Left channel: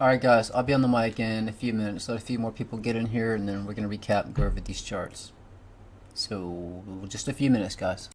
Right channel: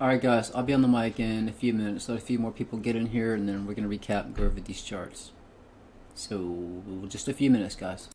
Alright guys, I'll be on the mic in a few minutes. Let a few more people get in here and then we're going to recap and go over these charts. So, just a few minutes guys.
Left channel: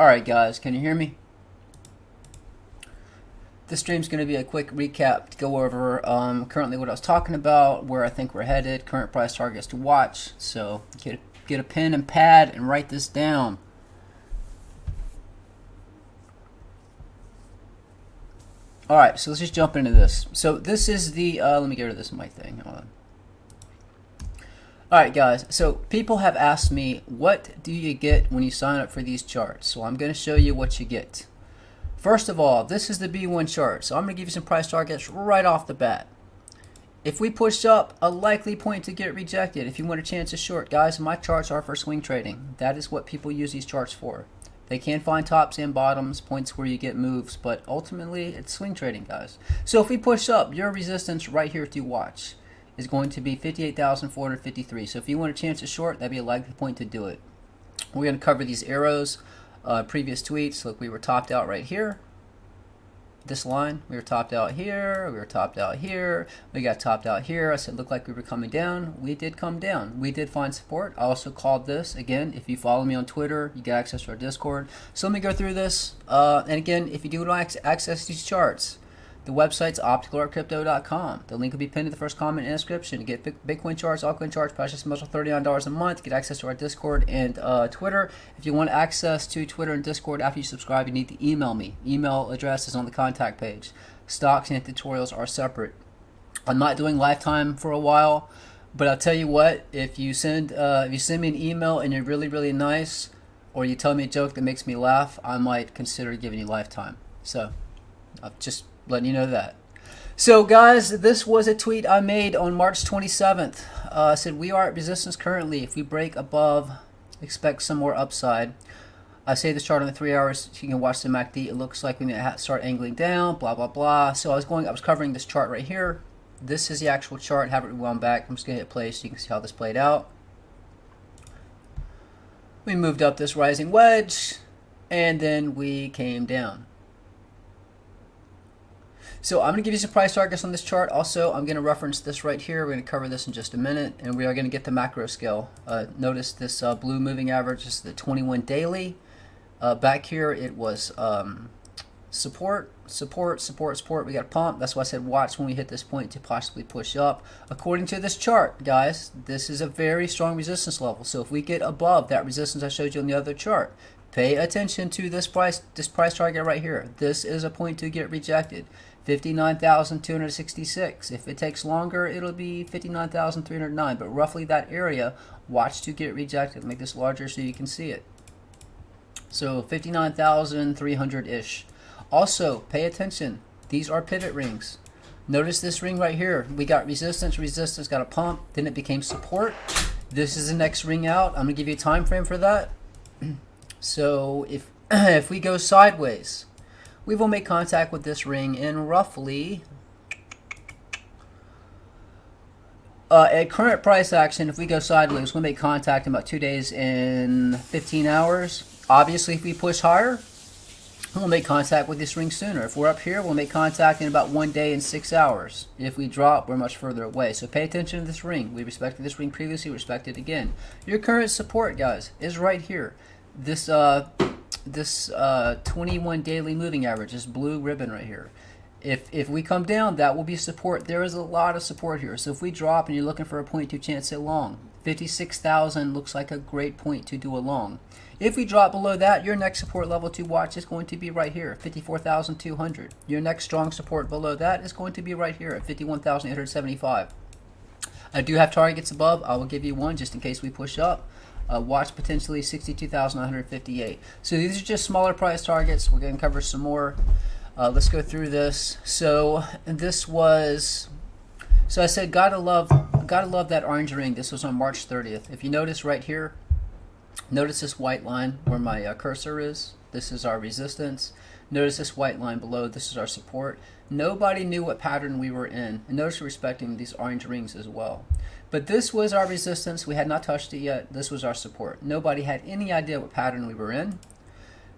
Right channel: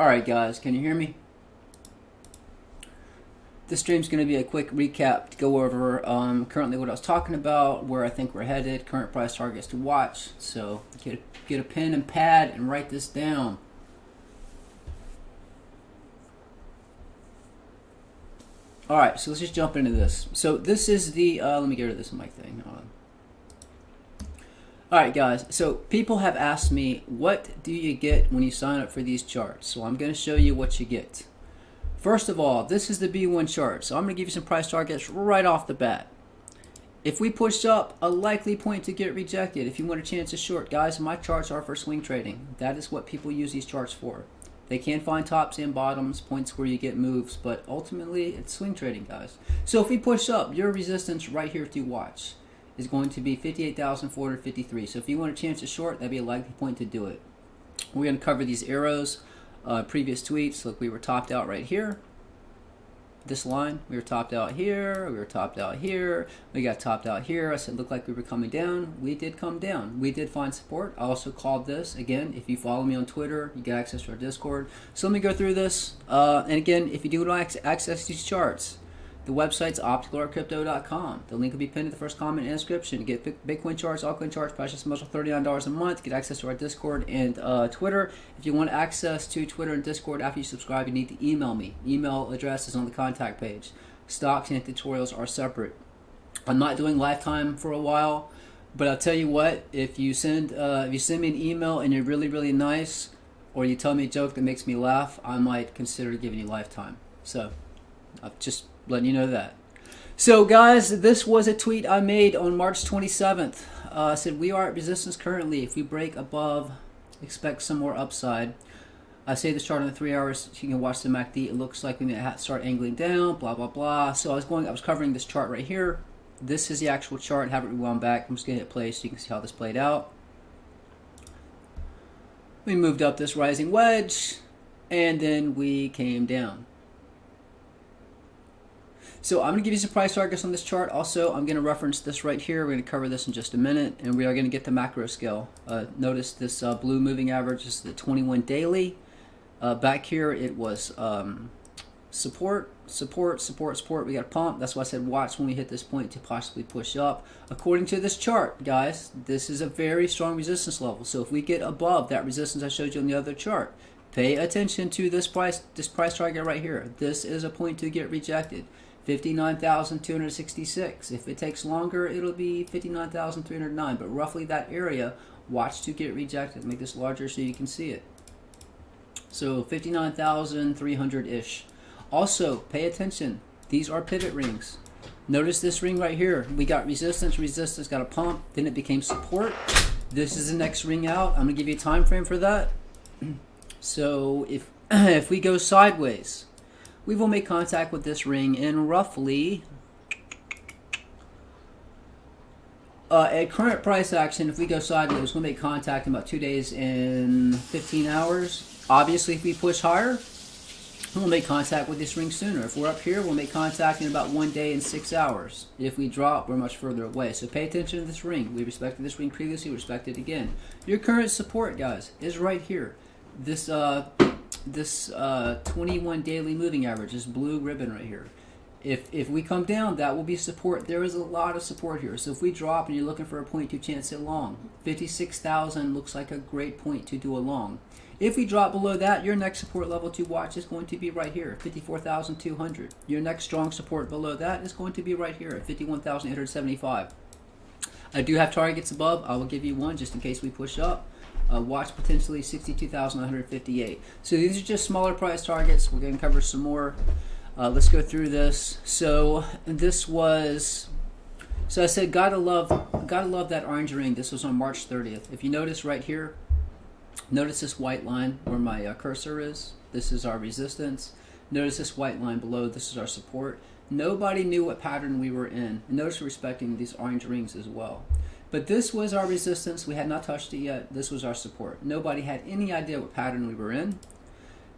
Alright guys, can you hear me? This stream's going to be a quick recap to go over currently what I was talking about, where I think we're headed, current price targets to watch. So get a pen and pad and write this down. Alright, so let's just jump into this. So this is the, let me get rid of this mic thing. Hold on. Alright guys, so people have asked me, what do you get when you sign up for these charts? So I'm going to show you what you get. First of all, this is the B1 chart, so I'm going to give you some price targets right off the bat. If we push up, a likely point to get rejected. If you want a chance to short, guys, my charts are for swing trading. That is what people use these charts for. They can find tops and bottoms, points where you get moves, but ultimately it's swing trading, guys. So if we push up, your resistance right here to watch is going to be 58,453. So if you want a chance to short, that'd be a likely point to do it. We're going to cover these arrows, previous tweets. Look, we were topped out right here. this line. We were topped out here, we were topped out here, we got topped out here. I said, looked like we were coming down. We did come down. We did find support. I also called this. Again, if you follow me on Twitter, you get access to our Discord. So let me go through this. And again, if you do want to access these charts, the website's opticalartcrypto.com. The link will be pinned in the first comment and description. To get Bitcoin charts, altcoin charts, precious metals, $39 a month. Get access to our Discord and Twitter. If you want access to Twitter and Discord after you subscribe, you need to email me. Email address is on the contact page. Stocks and tutorials are separate. I'm not doing lifetime for a while, but I'll tell you what. If you send me an email and you're really, really nice, or you tell me a joke that makes me laugh, I might consider giving you lifetime. So, I'll just letting you know that. So guys, this was a tweet I made on March 27th. I said, we are at resistance currently. If we break above, expect some more upside. I say this chart on the 3 hours. You can watch the MACD. It looks like we need to start angling down, blah, blah, blah. So I was covering this chart right here. This is the actual chart. Have it rewound back. I'm just going to hit play so you can see how this played out. We moved up this rising wedge, and then we came down. So I'm going to give you some price targets on this chart. Also, I'm going to reference this right here. We're going to cover this in just a minute, and we are going to get the macro scale. Notice this blue moving average is the 21 daily. Back here, it was support, support, support, support. We got a pump. That's why I said watch when we hit this point to possibly push up. According to this chart, guys, this is a very strong resistance level. So if we get above that resistance I showed you on the other chart, pay attention to this price target right here. This is a point to get rejected. 59,266. If it takes longer, it'll be 59,309. But roughly that area, watch to get rejected. Make this larger so you can see it. So 59,300-ish. Also, pay attention. These are pivot rings. Notice this ring right here. We got resistance, resistance, got a pump. Then it became support. This is the next ring out. I'm going to give you a time frame for that. So if we go sideways, we will make contact with this ring in roughly, at current price action, if we go sideways, we'll make contact in about 2 days and 15 hours. Obviously, if we push higher, we'll make contact with this ring sooner. If we're up here, we'll make contact in about 1 day and 6 hours. If we drop, we're much further away. So pay attention to this ring. We respected this ring previously, respect it again. Your current support, guys, is right here. This 21 daily moving average, this blue ribbon right here. If we come down, that will be support. There is a lot of support here. So if we drop and you're looking for a point to chance it long, 56,000 looks like a great point to do a long. If we drop below that, your next support level to watch is going to be right here, 54,200. Your next strong support below that is going to be right here at 51,875. I do have targets above. I will give you one just in case we push up. Watch potentially 62,158. So these are just smaller price targets. We're going to cover some more. Let's go through this. So this was, so I said gotta love that orange ring. This was on March 30th. If you notice right here, notice this white line where my cursor is. This is our resistance. Notice this white line below. This is our support. Nobody knew what pattern we were in. And notice we're respecting these orange rings as well. But this was our resistance. We had not touched it yet. This was our support. Nobody had any idea what pattern we were in.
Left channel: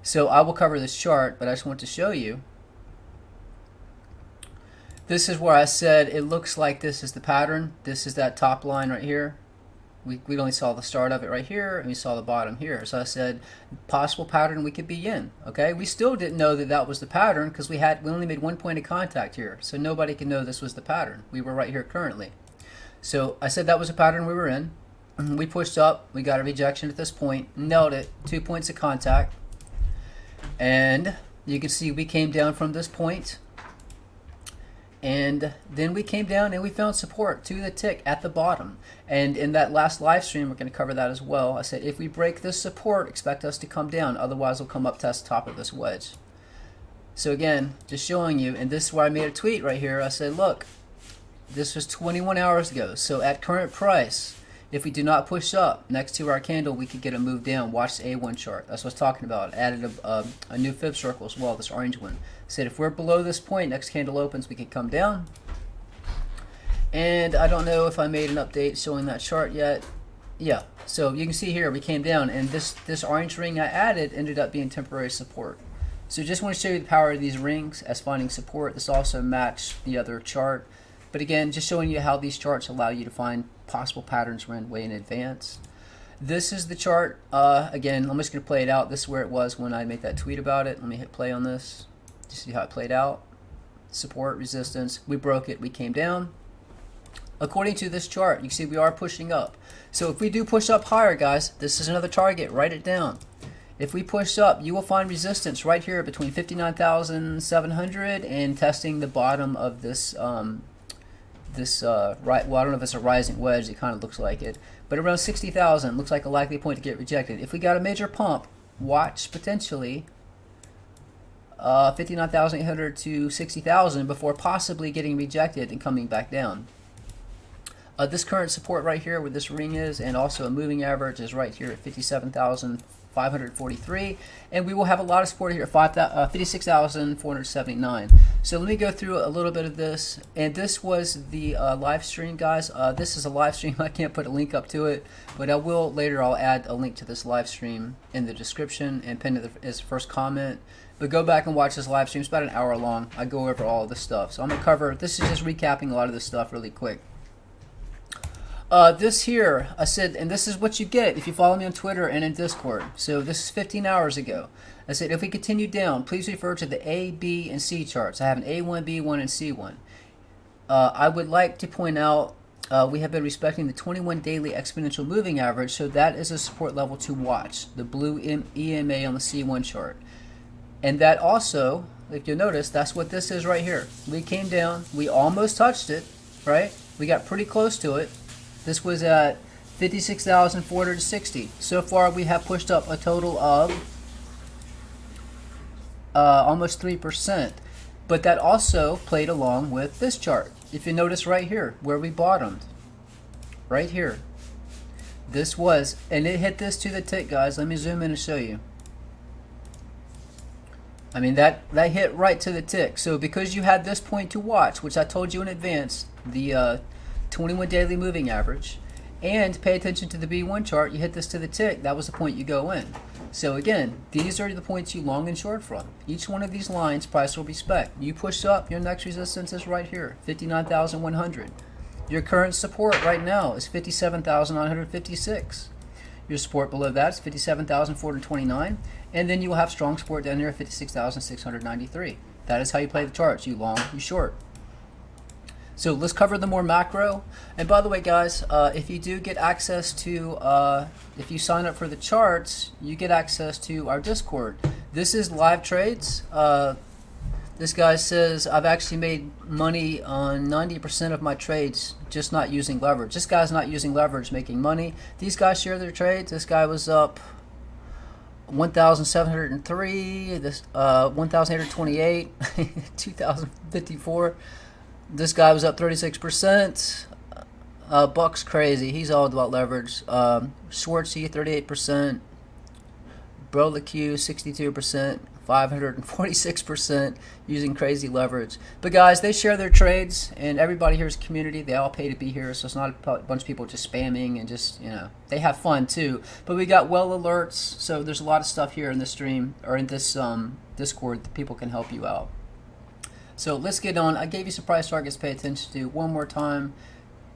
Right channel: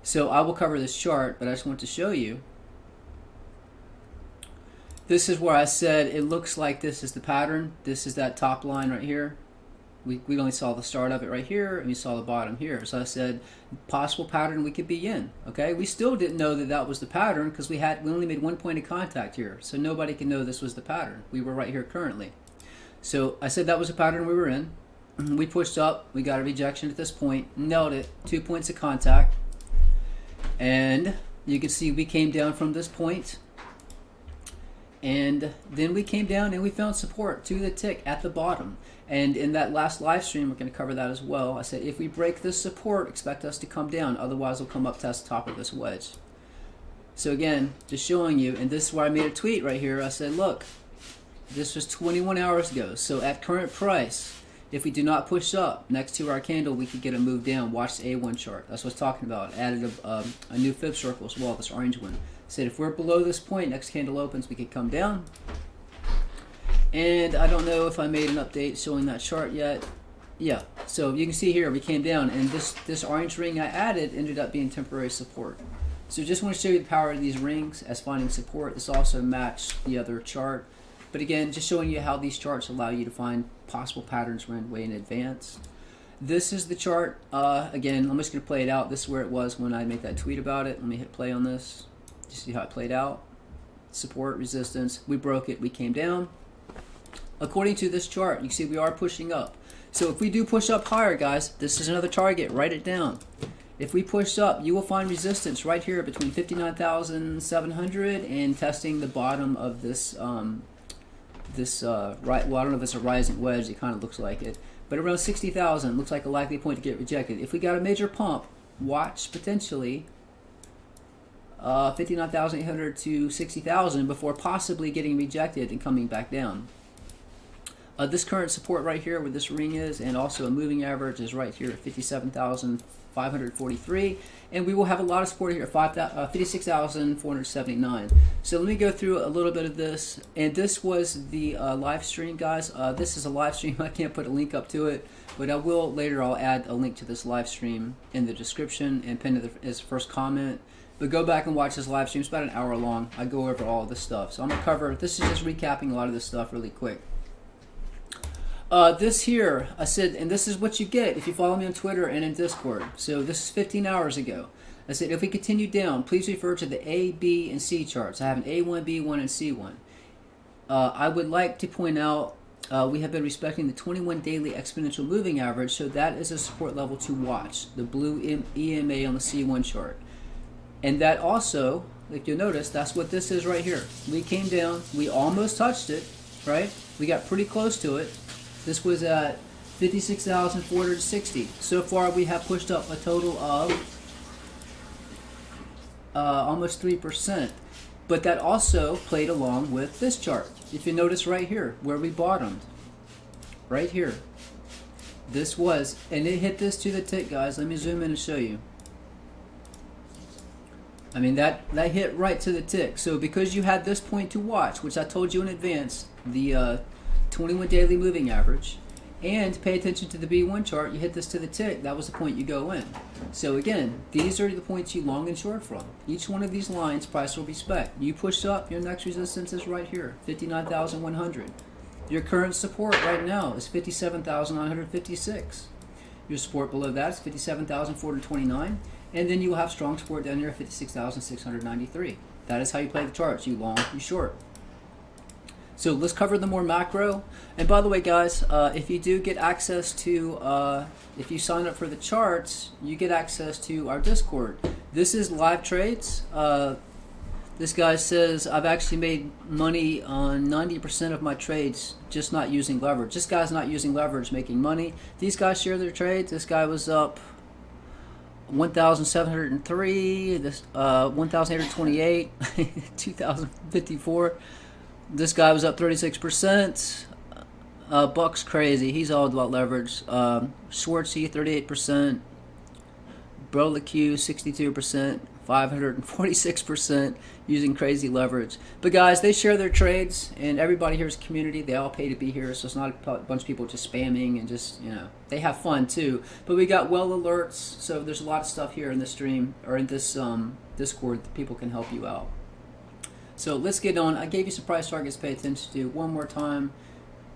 So I will cover this chart, but I just want to show you. This is where I said it looks like this is the pattern. This is that top line right here. We only saw the start of it right here, and we saw the bottom here. So I said possible pattern we could be in. Okay, we still didn't know that that was the pattern because we only made 1 point of contact here. So nobody can know this was the pattern. We were right here currently. So I said that was a pattern we were in. We pushed up. We got a rejection at this point. Nailed it. 2 points of contact. And you can see we came down from this point. And then we came down and we found support to the tick at the bottom. And in that last live stream, we're going to cover that as well. I said if we break this support, expect us to come down. Otherwise, we'll come up test the top of this wedge. So again, just showing you. And this is where I made a tweet right here. I said, look. This was 21 hours ago. So at current price, if we do not push up next to our candle, we could get a move down. Watch the A1 chart. That's what I was talking about. Added a new fib circle as well, this orange one. Said if we're below this point, next candle opens, we could come down. And I don't know if I made an update showing that chart yet. Yeah, so you can see here we came down, and this orange ring I added ended up being temporary support. So just want to show you the power of these rings as finding support. This also matched the other chart. But again, just showing you how these charts allow you to find possible patterns run way in advance. This is the chart. Again, I'm just going to play it out. This is where it was when I made that tweet about it. Let me hit play on this. You see how it played out. Support, resistance. We broke it. We came down. According to this chart, you can see we are pushing up. So if we do push up higher, guys, this is another target. Write it down. If we push up, you will find resistance right here between 59,700 and testing the bottom of this, right, well, I don't know if it's a rising wedge. It kind of looks like it. But around 60,000 looks like a likely point to get rejected. If we got a major pump, watch potentially 59,800 to 60,000 before possibly getting rejected and coming back down. This current support right here where this ring is, and also a moving average is right here at 57,543, and we will have a lot of support here at 56,479. So let me go through a little bit of this, and this was the live stream, guys. This is a live stream. I can't put a link up to it, but I will later. I'll add a link to this live stream in the description and pin it as first comment. But go back and watch this live stream. It's about an hour long. I go over all this stuff. So I'm going to cover, this is just recapping a lot of this stuff really quick. This here, I said, and this is what you get if you follow me on Twitter and in Discord. So this is 15 hours ago. I said, if we continue down, please refer to the A, B, and C charts. I have an A1, B1, and C1. I would like to point out we have been respecting the 21 daily exponential moving average, so that is a support level to watch, the blue EMA on the C1 chart. And that also, if you'll notice, that's what this is right here. We came down, we almost touched it, right? We got pretty close to it. This was at 56,460. So far we have pushed up a total of almost 3%. But that also played along with this chart. If you notice right here, where we bottomed, right here. This was, and it hit this to the tick, guys. Let me zoom in and show you. I mean, that hit right to the tick. So because you had this point to watch, which I told you in advance, the 21 daily moving average, and pay attention to the B1 chart, you hit this to the tick, that was the point you go in. So again, these are the points you long and short from. Each one of these lines, price will respect. You push up, your next resistance is right here, 59,100. Your current support right now is 57,956. Your support below that is 57,429. And then you will have strong support down here at 56,693. That is how you play the charts. You long, you short. So let's cover the more macro. And by the way, guys, if you do get access to, if you sign up for the charts, you get access to our Discord. This is live trades. This guy says, I've actually made money on 90% of my trades, just not using leverage. This guy's not using leverage, making money. These guys share their trades. This guy was up 1,703, this 1,828, 2,054. This guy was up 36%. Buck's crazy. He's all about leverage. Schwartzy 38%. Broleq 62%. 546% using crazy leverage. But guys, they share their trades, and everybody here is a community. They all pay to be here, so it's not a bunch of people just spamming and just, you know, they have fun too. But we got well alerts, so there's a lot of stuff here in this stream or in this Discord that people can help you out. So let's get on. I gave you some price targets to pay attention to one more time.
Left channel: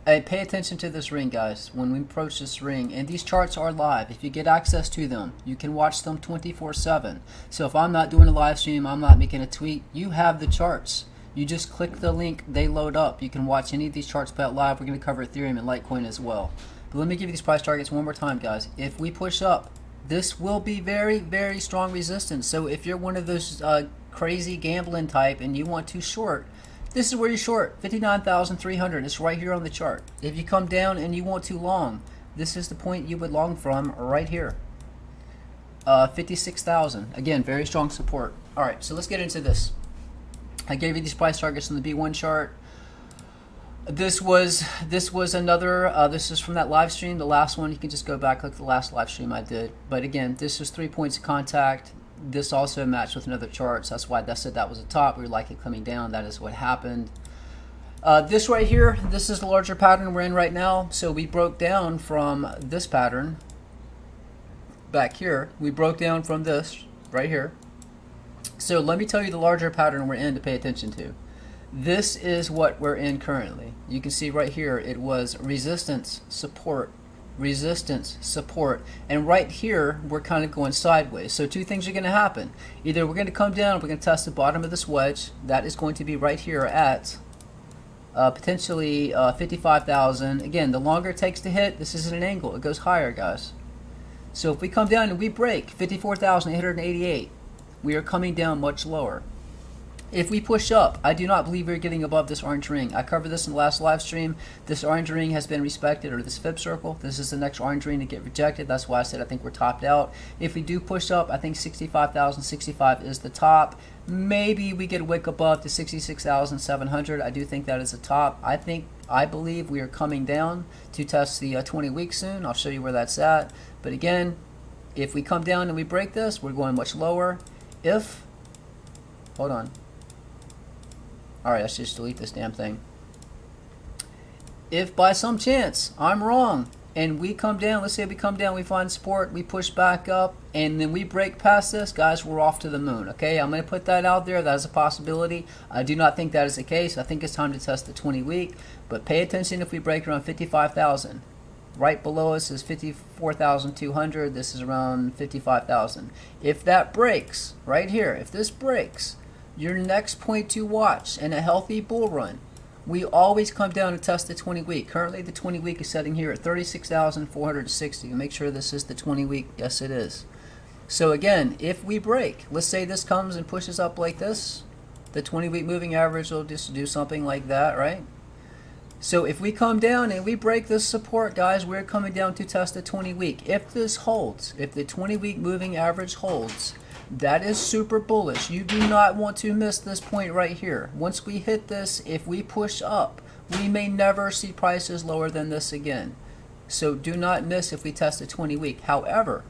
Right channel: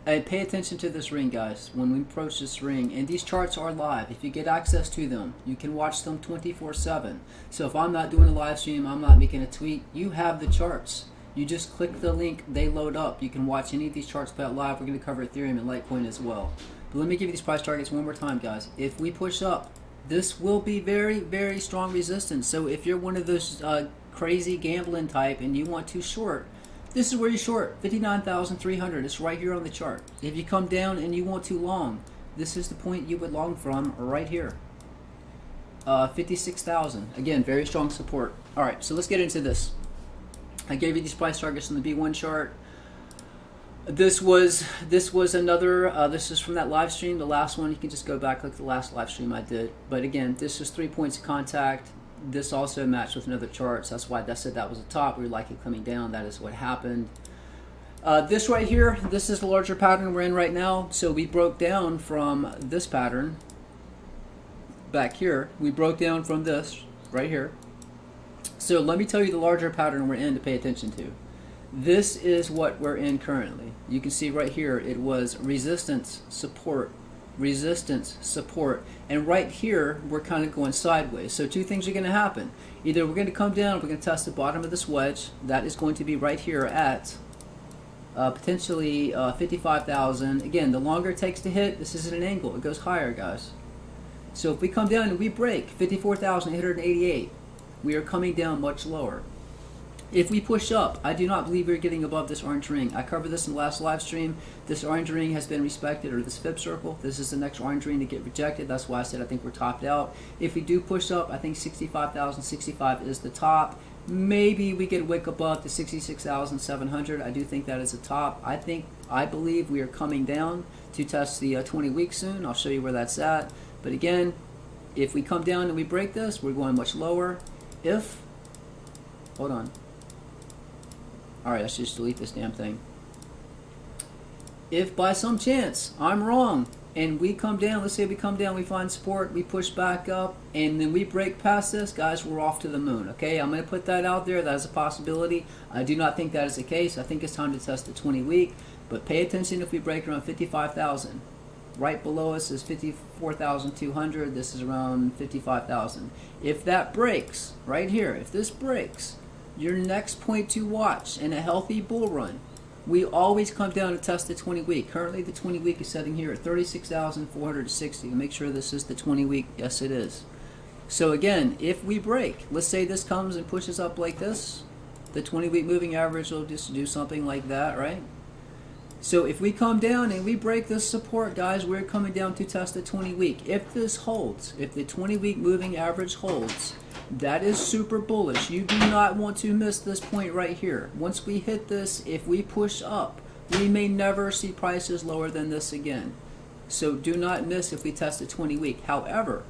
Hey, pay attention to this ring, guys, when we approach this ring. And these charts are live. If you get access to them, you can watch them 24/7. So if I'm not doing a live stream, I'm not making a tweet, you have the charts. You just click the link, they load up. You can watch any of these charts play out live. We're going to cover Ethereum and Litecoin as well. But let me give you these price targets one more time, guys. If we push up, this will be very, very strong resistance. So if you're one of those crazy gambling type and you want to short, this is where you short, 59,300. It's right here on the chart. If you come down and you want to long, this is the point you would long from right here. 56,000. Again, very strong support. All right, so let's get into this. I gave you these price targets on the B1 chart. This was another, this is from that live stream, the last one. You can just go back, look at the last live stream I did. But again, this is 3 points of contact. This also matched with another chart, so that's why I said that was a top. We like it coming down. That is what happened. This right here, this is the larger pattern we're in right now. So we broke down from this pattern back here. We broke down from this right here. So let me tell you the larger pattern we're in to pay attention to. This is what we're in currently. You can see right here it was resistance, support, resistance, support, and right here we're kind of going sideways. So two things are going to happen. Either we're going to come down, we're going to test the bottom of this wedge. That is going to be right here at potentially 55,000. Again, the longer it takes to hit, this isn't an angle, it goes higher, guys. So if we come down and we break 54,888, we are coming down much lower. If we push up, I do not believe we're getting above this orange ring. I covered this in the last live stream. This orange ring has been respected, or this fib circle. This is the next orange ring to get rejected. That's why I said I think we're topped out. If we do push up, I think 65,065 is the top. Maybe we get a wick above to 66,700. I do think that is the top. I believe we are coming down to test the 20 weeks soon. I'll show you where that's at. But again, if we come down and we break this, we're going much lower. Hold on. Alright, let's just delete this damn thing. If by some chance I'm wrong and we come down, let's say we come down, we find support, we push back up, and then we break past this, guys, we're off to the moon. Okay, I'm going to put that out there. That is a possibility. I do not think that is the case. I think it's time to test the 20 week, but pay attention if we break around 55,000. Right below us is 54,200. This is around 55,000. If that breaks, right here, if this breaks, your next point to watch in a healthy bull run, we always come down and test the 20 week. Currently the 20 week is setting here at 36,460. Make sure this is the 20 week. Yes, it is. So again, if we break, let's say this comes and pushes up like this, the 20 week moving average will just do something like that, right? So if we come down and we break this support, guys, we're coming down to test the 20 week. If this holds, if the 20 week moving average holds, that is super bullish. You do not want to miss this point right here. Once we hit this, if we push up, we may never see prices lower than this again. So do not miss if we test the 20 week. However,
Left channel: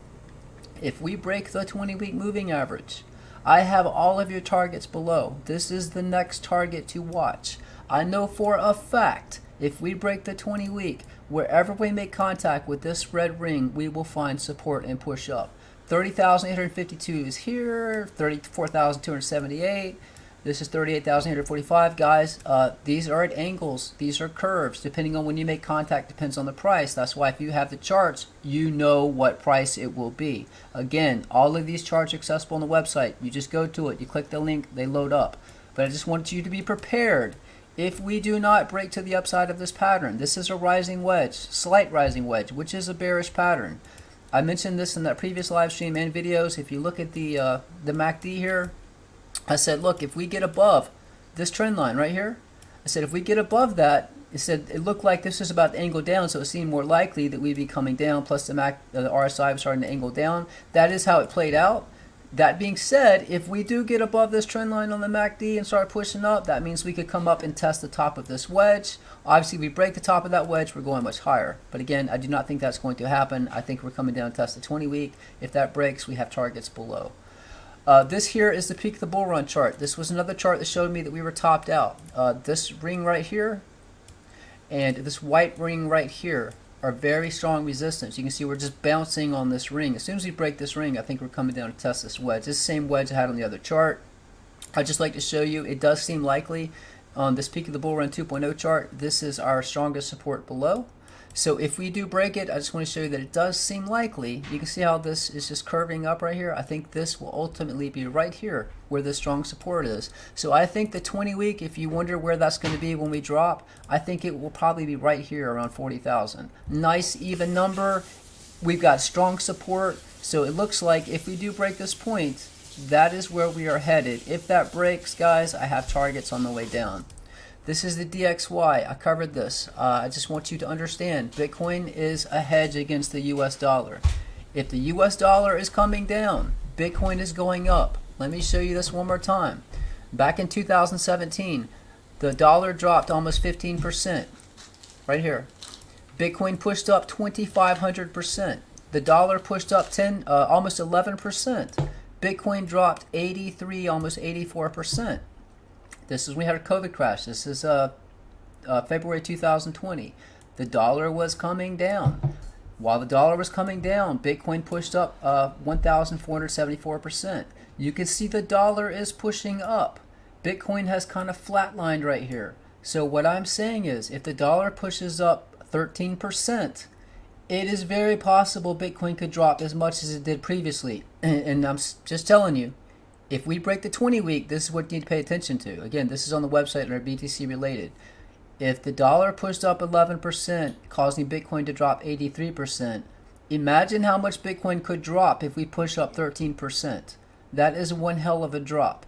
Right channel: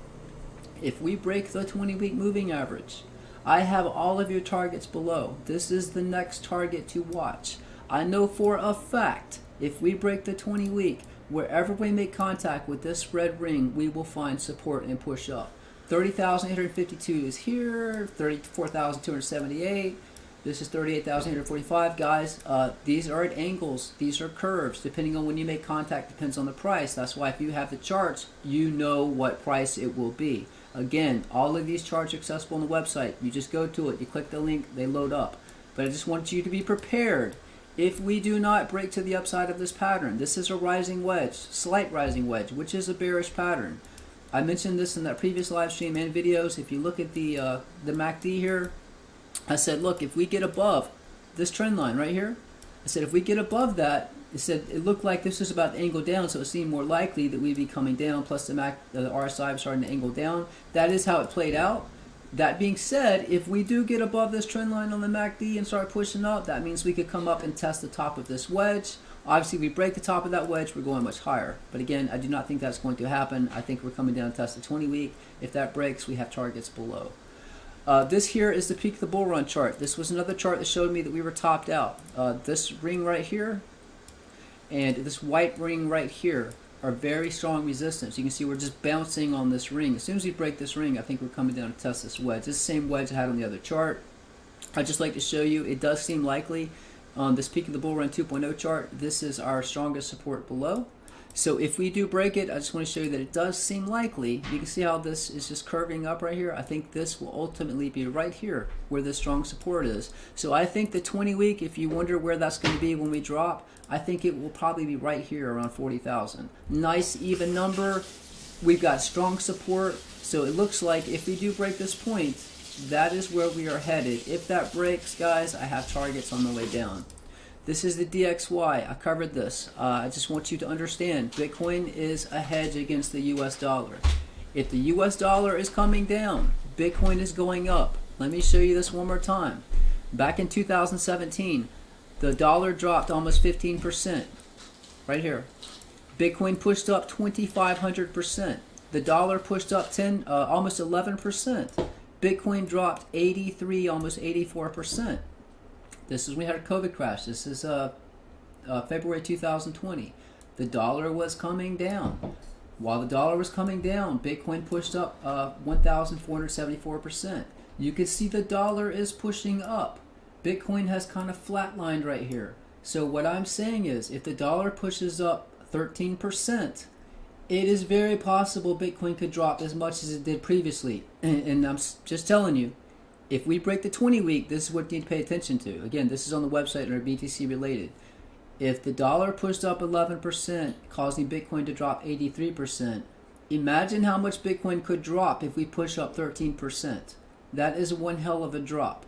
if we break the 20 week moving average, I have all of your targets below. This is the next target to watch. I know for a fact, if we break the 20 week, wherever we make contact with this red ring, we will find support and push up. 30,852 is here, 34,278. This is 38,845. Guys, these are at angles. These are curves. Depending on when you make contact, depends on the price. That's why if you have the charts, you know what price it will be. Again, all of these charts are accessible on the website. You just go to it. You click the link. They load up. But I just want you to be prepared. If we do not break to the upside of this pattern, this is a rising wedge, slight rising wedge, which is a bearish pattern. I mentioned this in that previous live stream and videos. If you look at the MACD here, I said, look, if we get above this trend line right here, I said if we get above that, it said it looked like this is about to angle down, so it seemed more likely that we'd be coming down. Plus the RSI was starting to angle down. That is how it played out. That being said, if we do get above this trend line on the MACD and start pushing up, that means we could come up and test the top of this wedge. Obviously, if we break the top of that wedge, we're going much higher. But again, I do not think that's going to happen. I think we're coming down to test the 20 week. If that breaks, we have targets below. This here is the peak of the bull run chart. This was another chart that showed me that we were topped out. This ring right here and this white ring right here are very strong resistance. You can see we're just bouncing on this ring. As soon as we break this ring, I think we're coming down to test this wedge. This same wedge I had on the other chart. I'd just like to show you, it does seem likely on this peak of the bull run 2.0 chart, this is our strongest support below. So if we do break it, I just want to show you that it does seem likely. You can see how this is just curving up right here. I think this will ultimately be right here where the strong support is. So I think the 20 week, if you wonder where that's going to be when we drop, I think it will probably be right here around 40,000. Nice even number. We've got strong support. So it looks like if we do break this point, that is where we are headed. If that breaks, guys, I have targets on the way down. This is the DXY. I covered this. I just want you to understand, Bitcoin is a hedge against the US dollar. If the US dollar is coming down, Bitcoin is going up. Let me show you this one more time. Back in 2017, the dollar dropped almost 15%. Right here. Bitcoin pushed up 2,500%. The dollar pushed up almost 11%. Bitcoin dropped 83, almost 84%. This is when we had a COVID crash. This is February 2020. The dollar was coming down. While the dollar was coming down, Bitcoin pushed up 1,474%. You can see the dollar is pushing up. Bitcoin has kind of flatlined right here. So what I'm saying is, if the dollar pushes up 13%, it is very possible Bitcoin could drop as much as it did previously. And I'm just telling you, if we break the 20-week, this is what you need to pay attention to. Again, this is on the website under BTC related. If the dollar pushed up 11%, causing Bitcoin to drop 83%, imagine how much Bitcoin could drop if we push up 13%. That is one hell of a drop.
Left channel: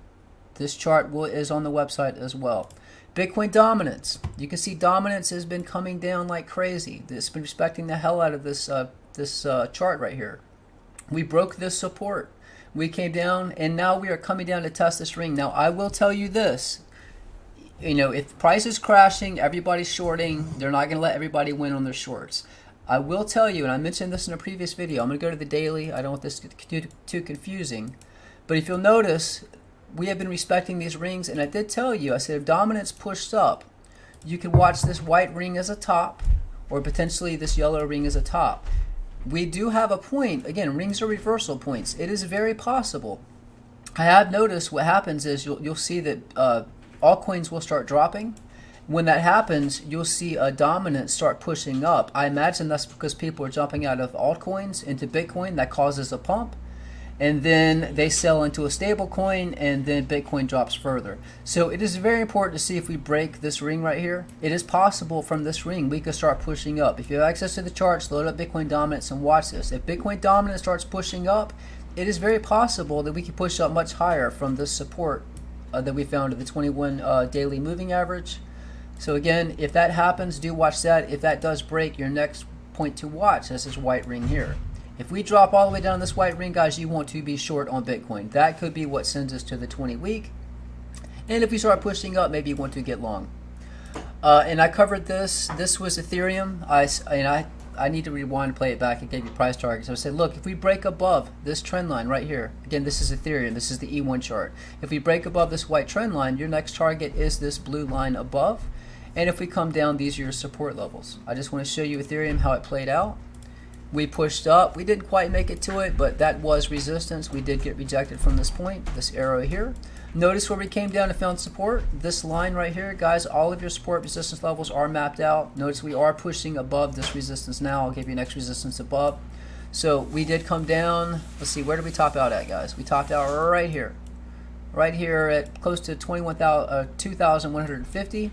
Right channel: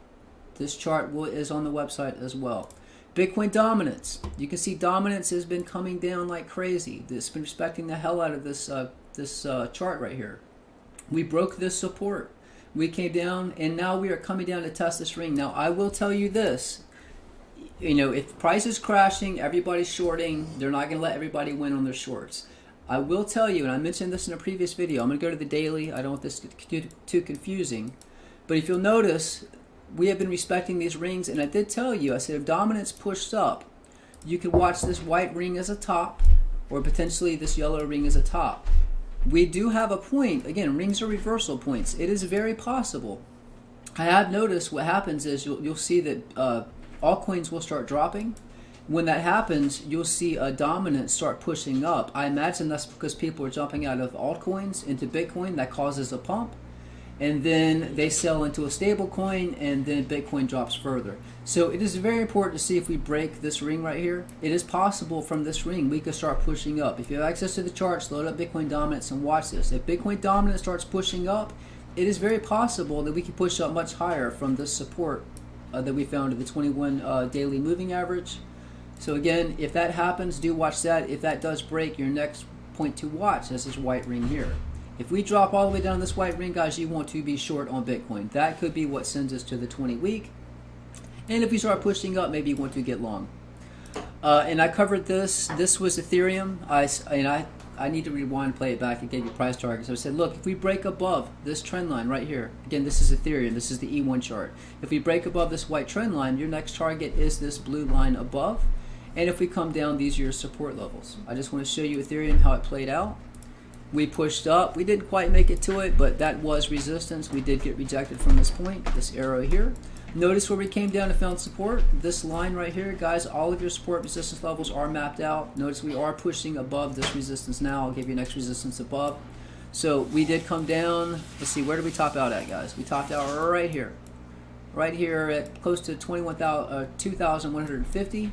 This chart is on the website as well. Bitcoin dominance. You can see dominance has been coming down like crazy. It's been respecting the hell out of this chart right here. We broke this support. We came down, and now we are coming down to test this ring. Now, I will tell you this. You know, if price is crashing, everybody's shorting. They're not going to let everybody win on their shorts. I will tell you, and I mentioned this in a previous video. I'm going to go to the daily. I don't want this to get too confusing. But if you'll notice, we have been respecting these rings, and I did tell you, I said if dominance pushed up, you could watch this white ring as a top, or potentially this yellow ring as a top. We do have a point. Again, rings are reversal points. It is very possible. I have noticed what happens is you'll see that altcoins will start dropping. When that happens, you'll see a dominance start pushing up. I imagine that's because people are jumping out of altcoins into Bitcoin. That causes a pump. And then they sell into a stable coin, and then Bitcoin drops further. So it is very important to see if we break this ring right here. It is possible from this ring we could start pushing up. If you have access to the charts, load up Bitcoin dominance and watch this. If Bitcoin dominance starts pushing up, it is very possible that we can push up much higher from this support that we found at the 21 daily moving average. So again, if that happens, do watch that. If that does break, your next point to watch is this white ring here. If we drop all the way down this white ring, guys, you want to be short on Bitcoin. That could be what sends us to the 20-week. And if we start pushing up, maybe you want to get long. And I covered this. This was Ethereum. I need to rewind and play it back and give you price targets. So I said, look, if we break above this trend line right here, again, this is Ethereum. This is the E1 chart. If we break above this white trend line, your next target is this blue line above. And if we come down, these are your support levels. I just want to show you Ethereum, how it played out. We pushed up. We didn't quite make it to it, but that was resistance. We did get rejected from this point, this arrow here. Notice where we came down and found support. This line right here, guys, all of your support resistance levels are mapped out. Notice we are pushing above this resistance now. I'll give you next resistance above. So we did come down. Let's see, where did we top out at, guys? We topped out right here. Right here at close to 2,150.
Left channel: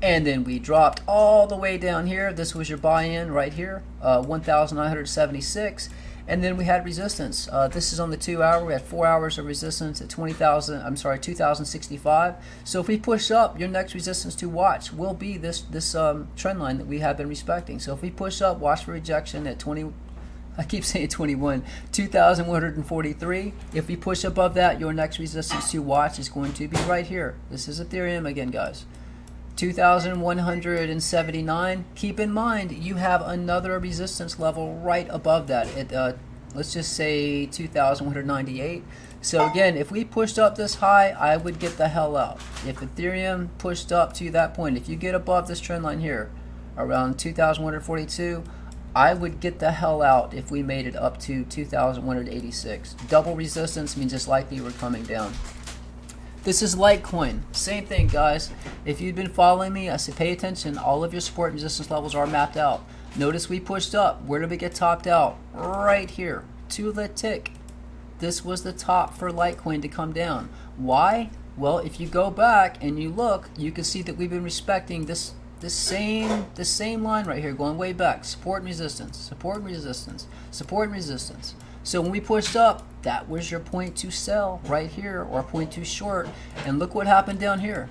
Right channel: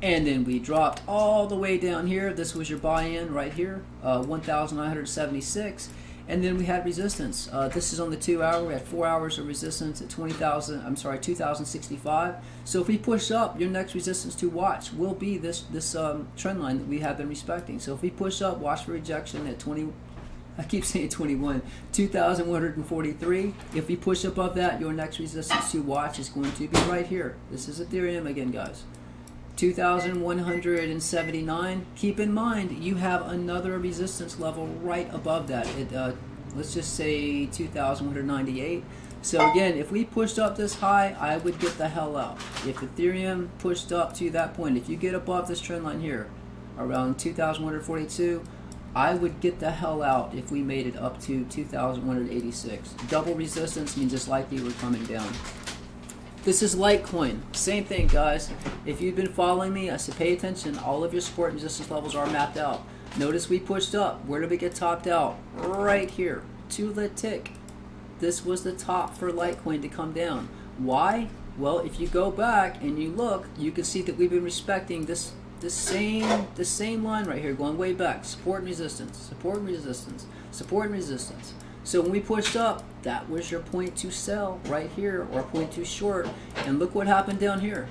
And then we dropped all the way down here. This was your buy-in right here, 1,976. And then we had resistance. This is on the 2 hour. We had 4 hours of resistance at 2,065. So if we push up, your next resistance to watch will be this trend line that we have been respecting. So if we push up, watch for rejection at 2,143. If we push above that, your next resistance to watch is going to be right here. This is Ethereum again, guys. 2,179. Keep in mind, you have another resistance level right above that. Let's just say 2,198. So again, if we pushed up this high, I would get the hell out. If Ethereum pushed up to that point, if you get above this trend line here, around 2,142, I would get the hell out if we made it up to 2,186. Double resistance means it's likely we're coming down. This is Litecoin. Same thing, guys. If you've been following me, I said pay attention. All of your support and resistance levels are mapped out. Notice we pushed up. Where did we get topped out? Right here, to the tick. This was the top for Litecoin to come down. Why? Well, if you go back and you look, you can see that we've been respecting this same line right here, going way back. Support and resistance, support and resistance, support and resistance. So when we pushed up, that was your point to sell right here, or point to short. And look what happened down here.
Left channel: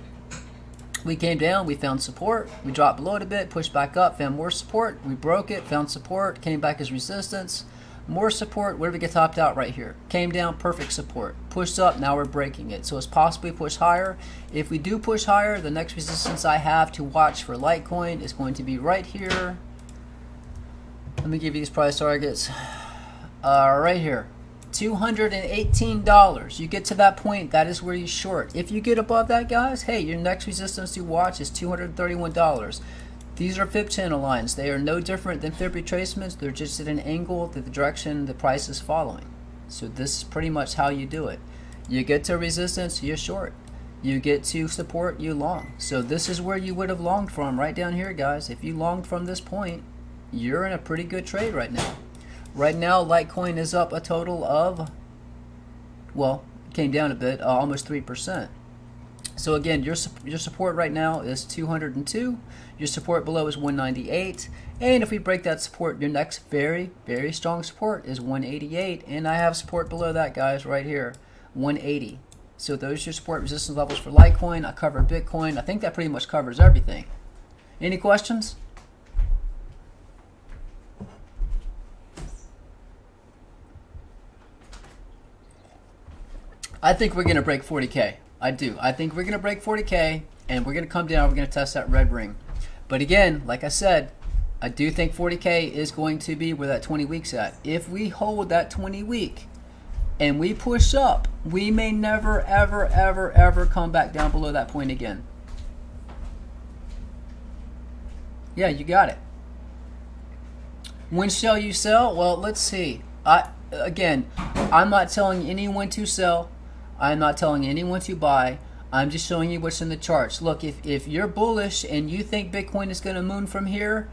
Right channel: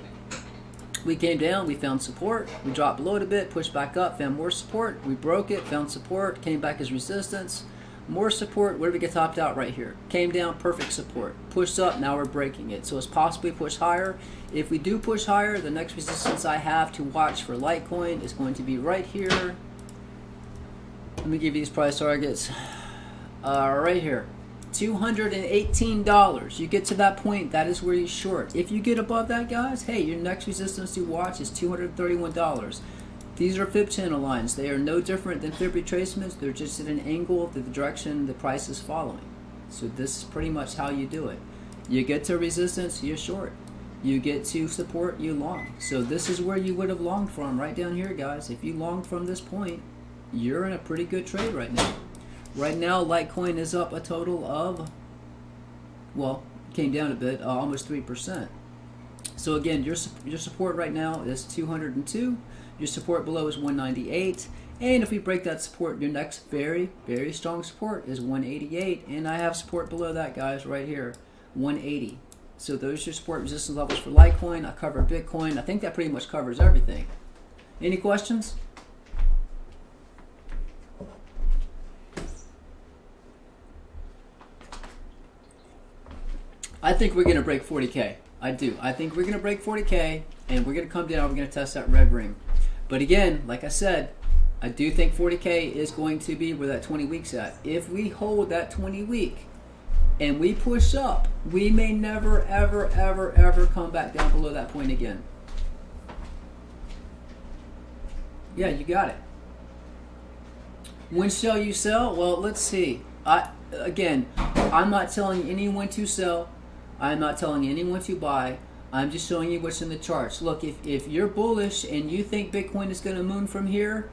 We came down, we found support, we dropped below it a bit, pushed back up, found more support, we broke it, found support, came back as resistance, more support. Where did we get topped out? Right here. Came down, perfect support. Pushed up, now we're breaking it. So it's possibly push higher. If we do push higher, the next resistance I have to watch for Litecoin is going to be right here. Let me give you these price targets. Right here. $218. You get to that point, that is where you short. If you get above that, guys, hey, your next resistance to watch is $231. These are fib channel lines. They are no different than fib retracements. They're just at an angle to the direction the price is following. So this is pretty much how you do it. You get to resistance, you're short. You get to support, you long. So this is where you would have longed from, right down here, guys. If you longed from this point, you're in a pretty good trade right now. Right now, Litecoin is up a total of, well, came down a bit, almost 3%. So again, your support right now is 202. Your support below is 198. And if we break that support, your next very, very strong support is 188. And I have support below that, guys, right here, 180. So those are your support resistance levels for Litecoin. I covered Bitcoin. I think that pretty much covers everything. Any questions? I think we're going to break 40K. I do. I think we're going to break 40K, and we're going to come down. We're going to test that red ring. But again, like I said, I do think 40K is going to be where that 20 weeks at. If we hold that 20 week and we push up, we may never, ever, ever, ever come back down below that point again. Yeah, you got it. When shall you sell? Well, let's see. Again, I'm not telling anyone to sell. I'm not telling anyone to buy. I'm just showing you what's in the charts. Look, if you're bullish and you think Bitcoin is going to moon from here,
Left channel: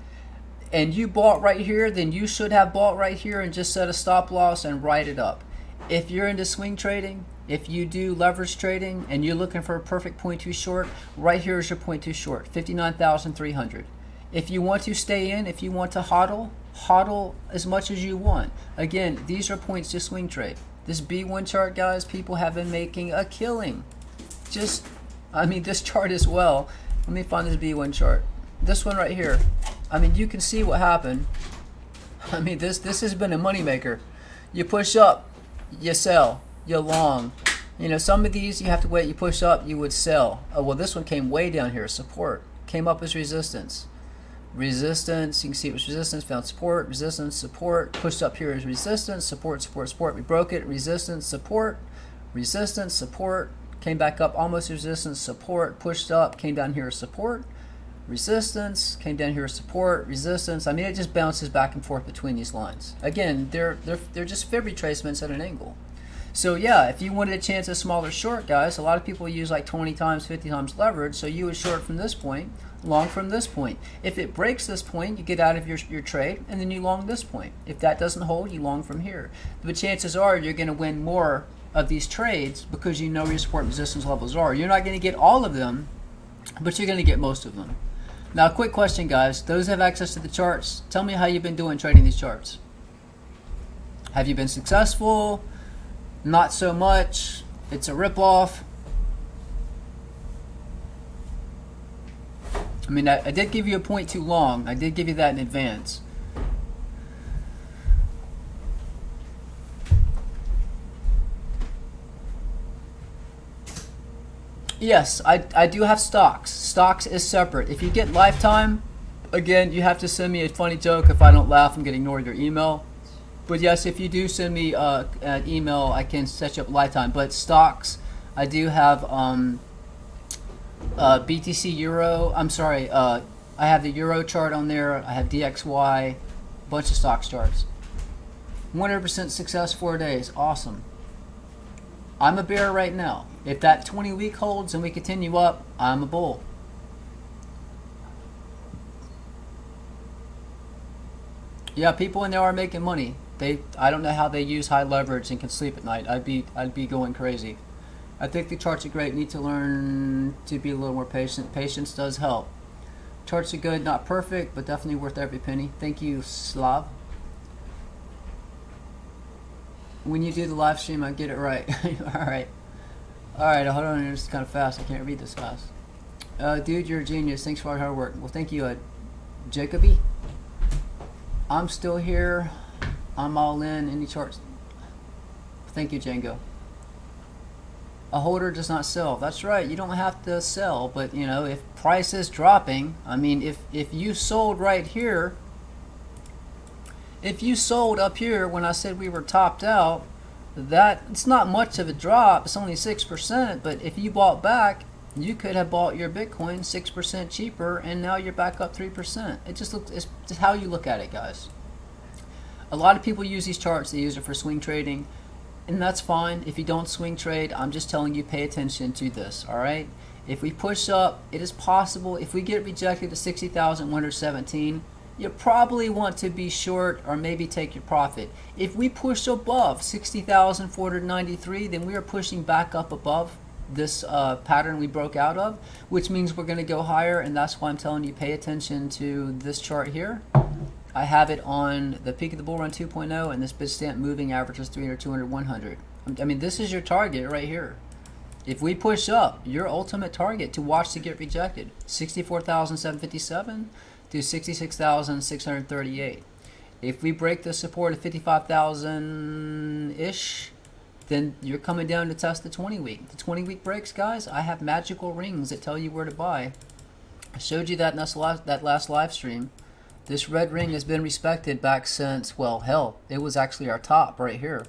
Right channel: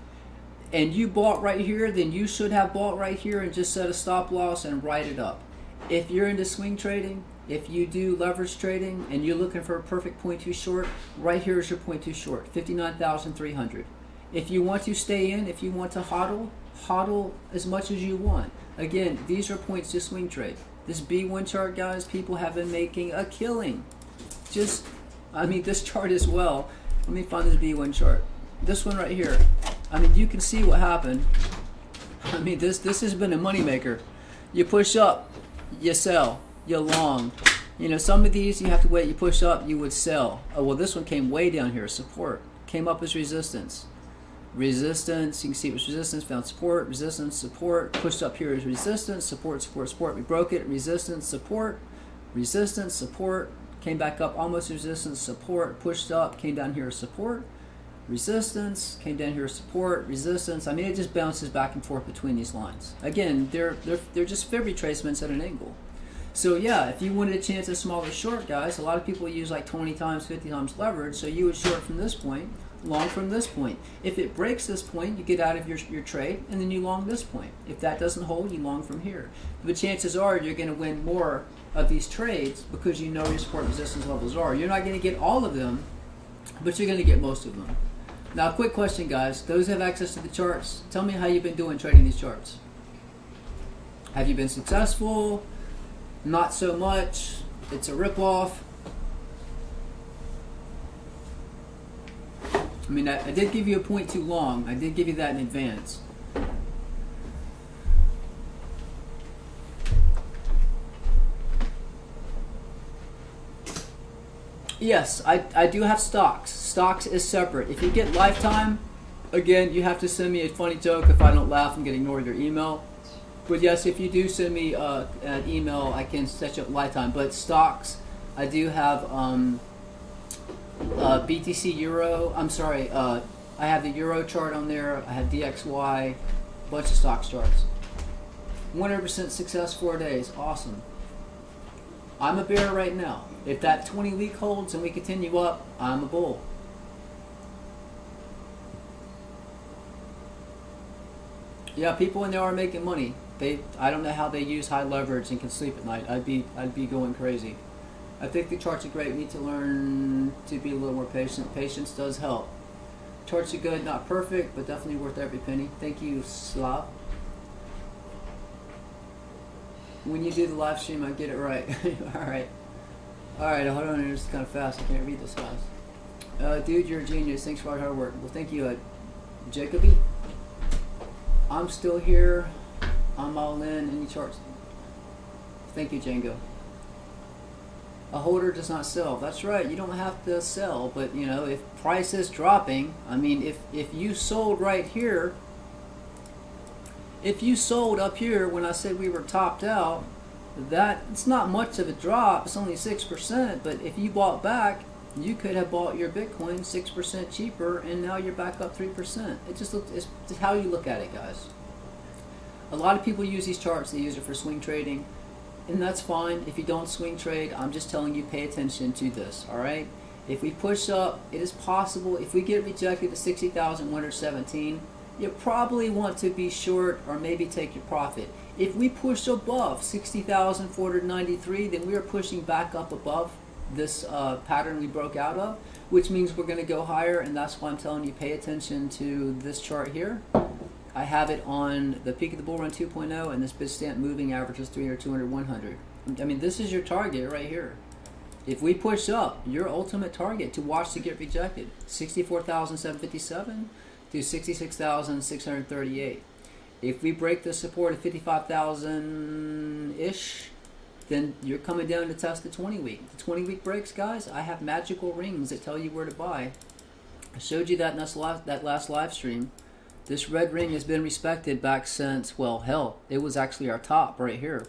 and you bought right here, then you should have bought right here and just set a stop loss and write it up. If you're into swing trading, if you do leverage trading, and you're looking for a perfect point too short, right here is your point too short, 59,300. If you want to stay in, if you want to hodl as much as you want. Again, these are points to swing trade. This B1 chart, guys, people have been making a killing. This chart as well. Let me find this B1 chart. This one right here. You can see what happened. This has been a moneymaker. You push up, you sell, you long. Some of these you have to wait. You push up, you would sell. Oh, well, this one came way down here. Support came up as resistance. Resistance, you can see it was resistance, found support, resistance, support, pushed up here as resistance, support, support, support. We broke it, resistance, support, came back up almost resistance, support, pushed up, came down here, support, resistance, came down here, support, resistance. It just bounces back and forth between these lines. Again, they're just fib retracements at an angle. So yeah, if you wanted a chance at smaller short, guys, a lot of people use like 20 times, 50 times leverage, so you would short from this point, long from this point. If it breaks this point, you get out of your trade, and then you long this point. If that doesn't hold, you long from here. But chances are you're going to win more of these trades because you know where your support resistance levels are. You're not going to get all of them, but you're going to get most of them. Now, quick question, guys. Those who have access to the charts, tell me how you've been doing trading these charts. Have you been successful? Not so much. It's a ripoff. I did give you a point too long. I did give you that in advance. Yes, I do have stocks. Stocks is separate. If you get lifetime, again, you have to send me a funny joke. If I don't laugh, I'm going to ignore your email. But yes, if you do send me an email, I can set you up lifetime. But stocks, I do have BTC Euro. I have the Euro chart on there. I have DXY, bunch of stocks charts. 100% success 4 days. Awesome. I'm a bear right now. If that 20-week holds and we continue up, I'm a bull. Yeah, people in there are making money. I don't know how they use high leverage and can sleep at night. I'd be going crazy. I think the charts are great. We need to learn to be a little more patient. Patience does help. Charts are good, not perfect, but definitely worth every penny. Thank you, Slav. When you do the live stream, I get it right. All right, hold on. It's kind of fast. I can't read this fast. Dude, you're a genius. Thanks for all your hard work. Well, thank you, Jacoby. I'm still here. I'm all in. Any charts? Thank you, Django. A holder does not sell. That's right. You don't have to sell, but if price is dropping, if you sold right here, if you sold up here when I said we were topped out, that it's not much of a drop. It's only 6%, but if you bought back, you could have bought your Bitcoin 6% cheaper, and now you're back up 3%. It's just how you look at it, guys. A lot of people use these charts. They use it for swing trading. and that's fine. If you don't swing trade, I'm just telling you, pay attention to this, all right? If we push up, it is possible, if we get rejected to 60,117, you probably want to be short or maybe take your profit. If we push above 60,493, then we are pushing back up above this pattern we broke out of, which means we're going to go higher, and that's why I'm telling you, pay attention to this chart here. I have it on the peak of the bull run 2.0, and this Bitstamp moving average is 300, 200, 100. I mean, this is your target right here. If we push up, your ultimate target to watch to get rejected, 64,757 to 66,638. If we break the support of 55,000-ish, then you're coming down to test the 20-week. The 20-week breaks, guys, I have magical rings that tell you where to buy. I showed you that in that last live stream. This red ring has been respected back since, well, hell, it was actually our top right here.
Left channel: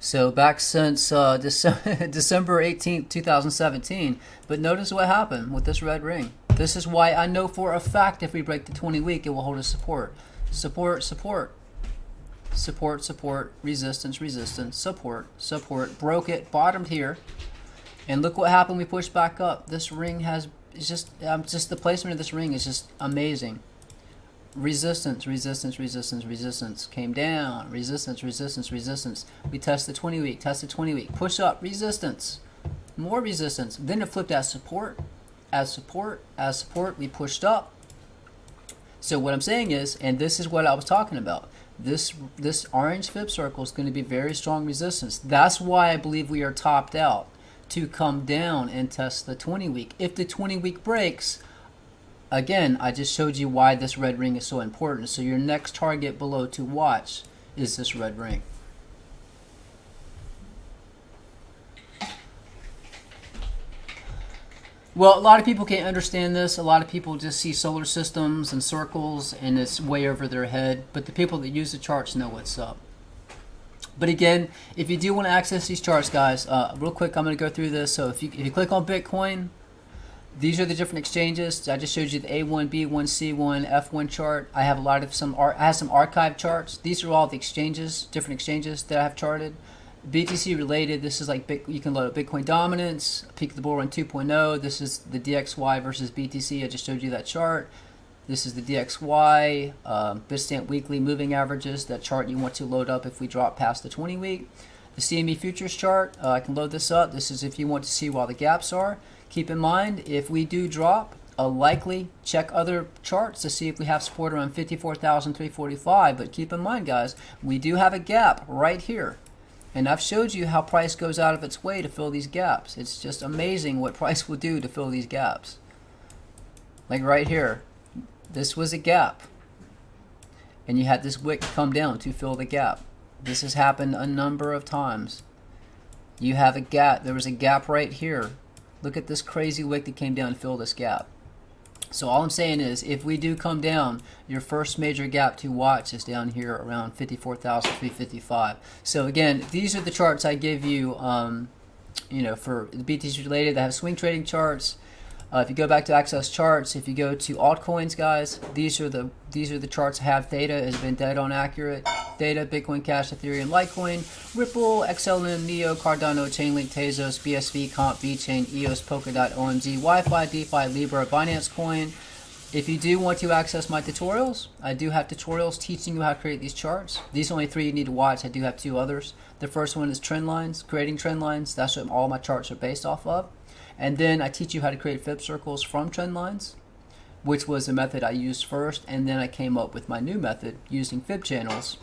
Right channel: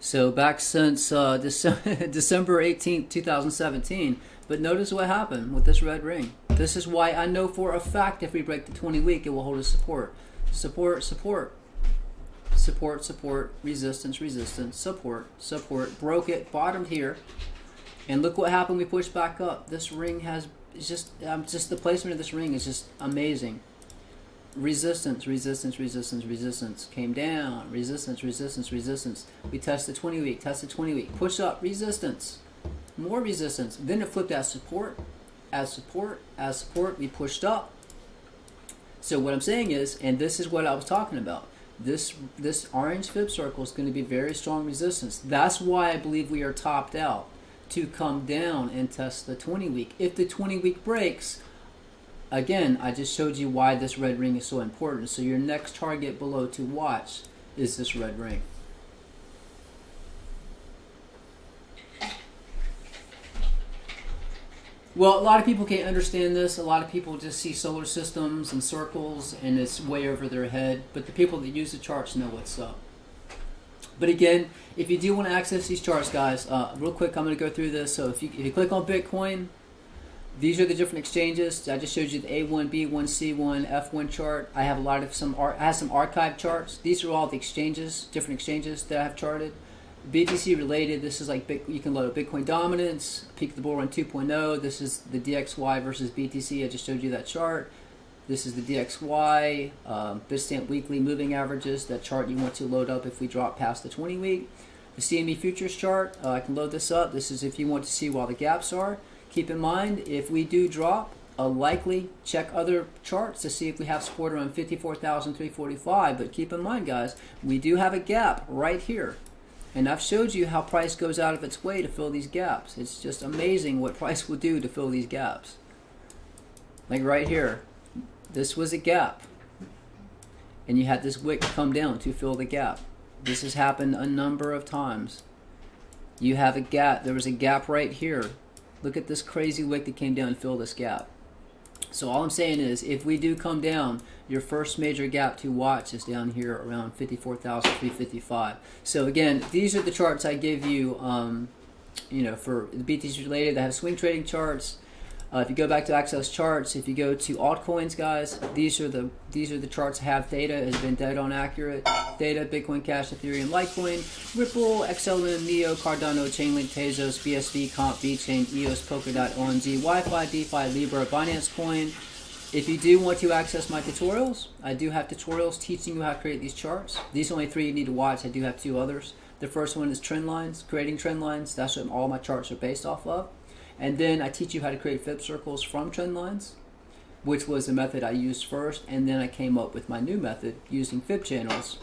So back since December 18th, 2017. But notice what happened with this red ring. This is why I know for a fact if we break the 20-week, it will hold a support. Support, support. Support, support, resistance, resistance, support, support. Broke it, bottomed here. And look what happened, we pushed back up. This ring has, just the placement of this ring is just amazing. Resistance, resistance, resistance, resistance. Came down. Resistance, resistance, resistance. We test the 20-week, test the 20-week. Push up, resistance. More resistance. Then it flipped as support. As support, as support. We pushed up. So what I'm saying is, and this is what I was talking about, this orange fib circle is going to be very strong resistance. That's why I believe we are topped out to come down and test the 20-week. If the 20-week breaks, again, I just showed you why this red ring is so important. So your next target below to watch is this red ring. Well, a lot of people can't understand this. A lot of people just see solar systems and circles and it's way over their head. But the people that use the charts know what's up. But again, if you do want to access these charts, guys, real quick, I'm going to go through this. So if you click on Bitcoin, these are the different exchanges. I just showed you the A1, B1, C1, F1 chart. I have I have some archive charts. These are all the exchanges, different exchanges that I have charted. BTC related, this is like you can load up Bitcoin dominance, peak of the bull run 2.0. This is the DXY versus BTC. I just showed you that chart. This is the DXY, Bitstamp weekly moving averages, that chart you want to load up if we drop past the 20-week. The CME futures chart, I can load this up. This is if you want to see while the gaps are. Keep in mind, if we do drop, likely check other charts to see if we have support around 54,345. But keep in mind, guys, we do have a gap right here. And I've showed you how price goes out of its way to fill these gaps. It's just amazing what price will do to fill these gaps. Like right here, this was a gap. And you had this wick come down to fill the gap. This has happened a number of times. You have a gap. There was a gap right here. Look at this crazy wick that came down and filled this gap. So all I'm saying is, if we do come down, your first major gap to watch is down here around 54,355. So again, these are the charts I give you, you know, for the BTC related. I have swing trading charts. If you go back to access charts, if you go to altcoins, guys, these are the charts I have. Theta has been dead on accurate. Theta, Bitcoin Cash, Ethereum, Litecoin, Ripple, XLM, Neo, Cardano, Chainlink, Tezos, BSV, Comp, VeChain, EOS, Polkadot, ONZ, Wi-Fi, DeFi, Libra, Binance Coin. If you do want to access my tutorials, I do have tutorials teaching you how to create these charts. These are only 3 you need to watch. I do have 2 others. The first one is trend lines, creating trend lines. That's what all my charts are based off of. And then I teach you how to create fib circles from trend lines, which was the method I used first. And then I came up with my new method using fib channels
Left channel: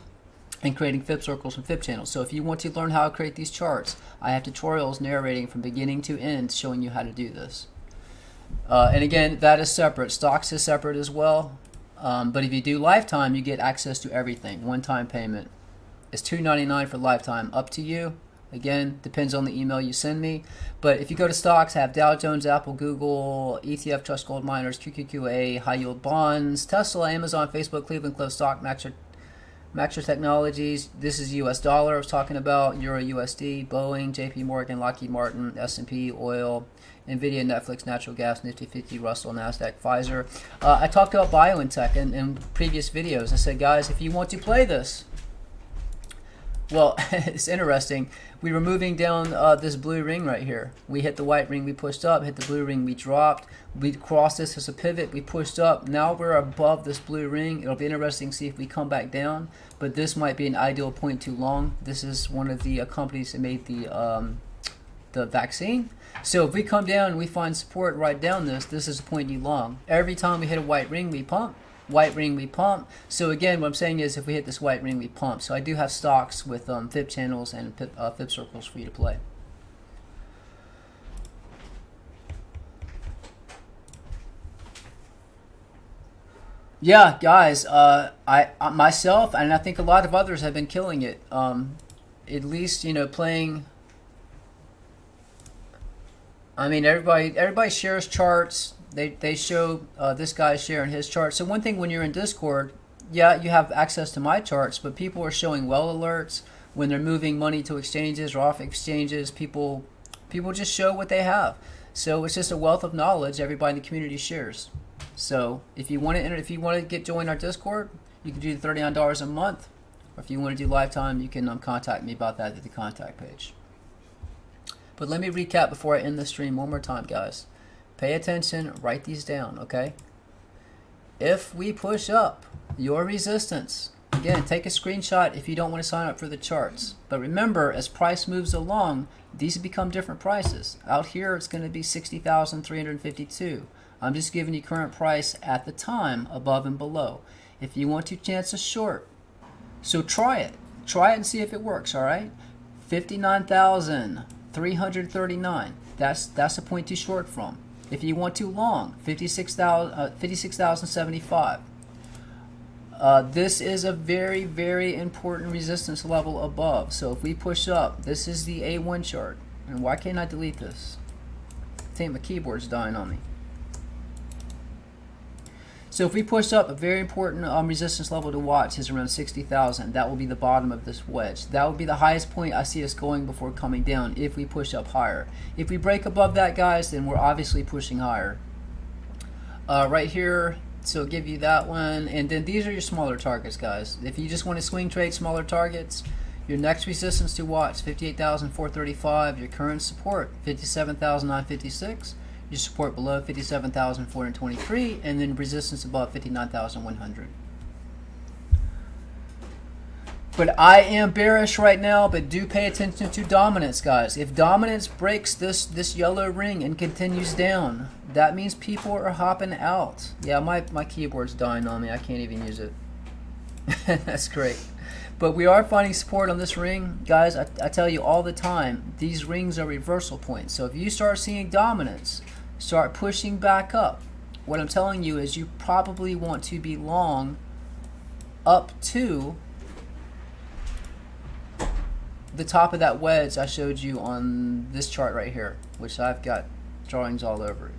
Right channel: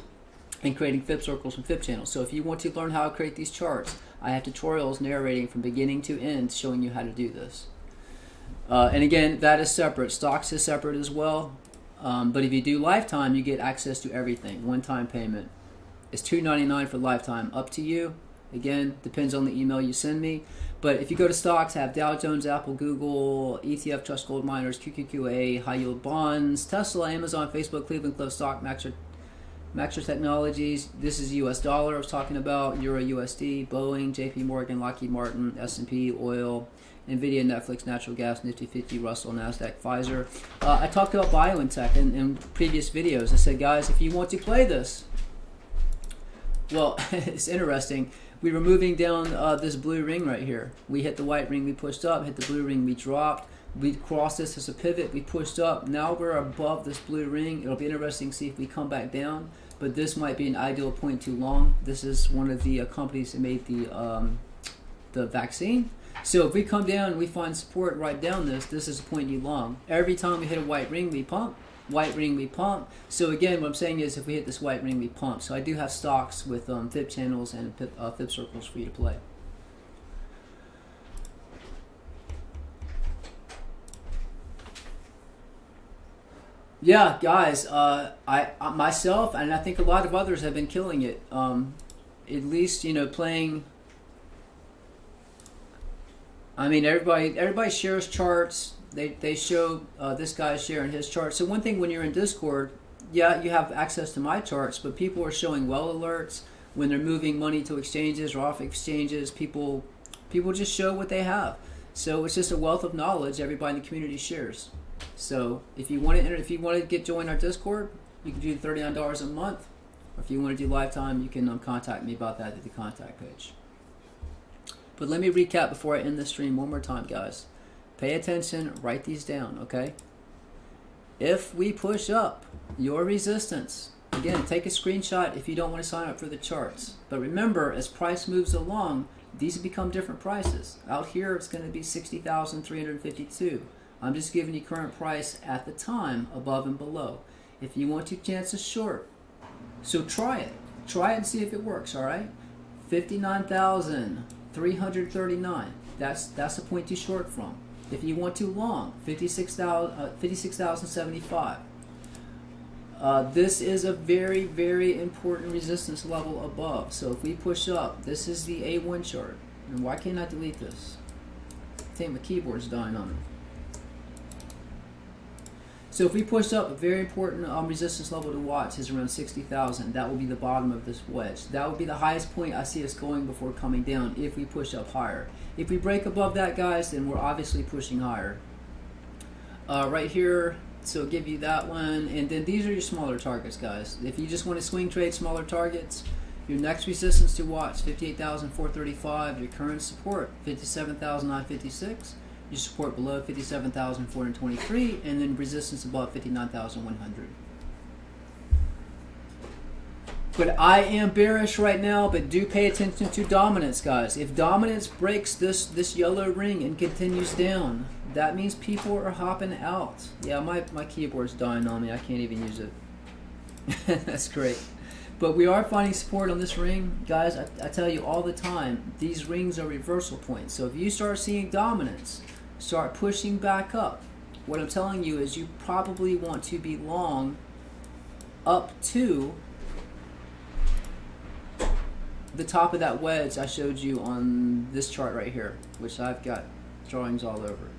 and creating fib circles from fib channels. So if you want to learn how to create these charts, I have tutorials narrating from beginning to end showing you how to do this. And again, that is separate. Stocks is separate as well. But if you do lifetime, you get access to everything. One-time payment. It's $2.99 for lifetime. Up to you. Again, depends on the email you send me. But if you go to stocks, I have Dow Jones, Apple, Google, ETF, Trust Gold Miners, QQQA, High Yield Bonds, Tesla, Amazon, Facebook, Cleveland Cliff Stock, Maxer Technologies. This is US dollar I was talking about. Euro USD, Boeing, JP Morgan, Lockheed Martin, S&P, oil, NVIDIA, Netflix, natural gas, Nifty 50, Russell, NASDAQ, Pfizer. I talked about BioNTech in previous videos. I said, guys, if you want to play this, Well, it's interesting. We were moving down this blue ring right here. We hit the white ring, we pushed up, hit the blue ring, we dropped. We crossed this as a pivot, we pushed up. Now we're above this blue ring. It'll be interesting to see if we come back down, but this might be an ideal point too long. This is one of the companies that made the vaccine. So if we come down and we find support right down this is a point too long. Every time we hit a white ring, we pump. White ring, we pump. So again, what I'm saying is if we hit this white ring, we pump. So I do have stocks with fib channels and fib circles for you to play. Yeah, guys, I myself and I think a lot of others have been killing it. At least, you know, playing. I mean, everybody shares charts. They show this guy sharing his chart. So one thing when you're in Discord, yeah, you have access to my charts, but people are showing well alerts when they're moving money to exchanges or off exchanges. People just show what they have. So it's just a wealth of knowledge everybody in the community shares. So if you want to join our Discord, you can do $39 a month. Or if you want to do lifetime, you can contact me about that at the contact page. But let me recap before I end the stream one more time, guys. Pay attention, write these down, okay? If we push up your resistance, again, take a screenshot if you don't want to sign up for the charts. But remember, as price moves along, these become different prices. Out here, it's going to be 60,352. I'm just giving you current price at the time, above and below. If you want to chance a short, so try it. Try it and see if it works, all right? 59,339. That's a point to short from. If you want too long, 56,075. This is a very, very important resistance level above. So if we push up, this is the A1 chart. And why can't I delete this? I think my keyboard's dying on me. So if we push up, a very important resistance level to watch is around 60,000. That will be the bottom of this wedge. That will be the highest point I see us going before coming down if we push up higher. If we break above that, guys, then we're obviously pushing higher. Right here, so give you that one. And then these are your smaller targets, guys. If you just want to swing trade smaller targets, your next resistance to watch, 58,435. Your current support, 57,956. Your support below 57,423, and then resistance above 59,100. But I am bearish right now, but do pay attention to dominance, guys. If dominance breaks this yellow ring and continues down, that means people are hopping out. Yeah, my keyboard's dying on me. I can't even use it. That's great. But we are finding support on this ring. Guys, I tell you all the time, these rings are reversal points. So if you start seeing dominance, start pushing back up, what I'm telling you is you probably want to be long up to the top of that wedge I showed you on this chart right here, which I've got drawings all over it.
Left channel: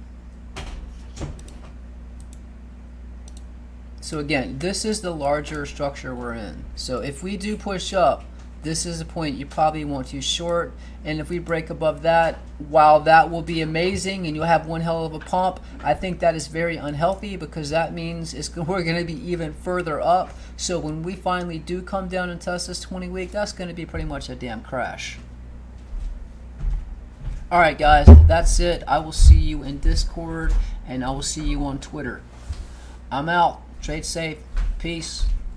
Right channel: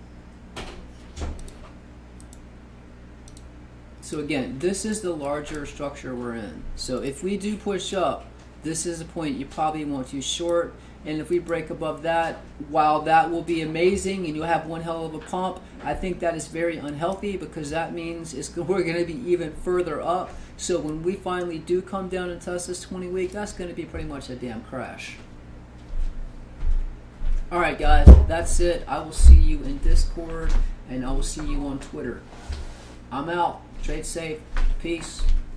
So again, this is the larger structure we're in. So if we do push up, this is a point you probably want to short. And if we break above that, while that will be amazing and you'll have one hell of a pump, I think that is very unhealthy because that means we're going to be even further up. So when we finally do come down and test this 20-week, that's going to be pretty much a damn crash. All right, guys, that's it. I will see you in Discord and I will see you on Twitter. I'm out. Trade safe. Peace.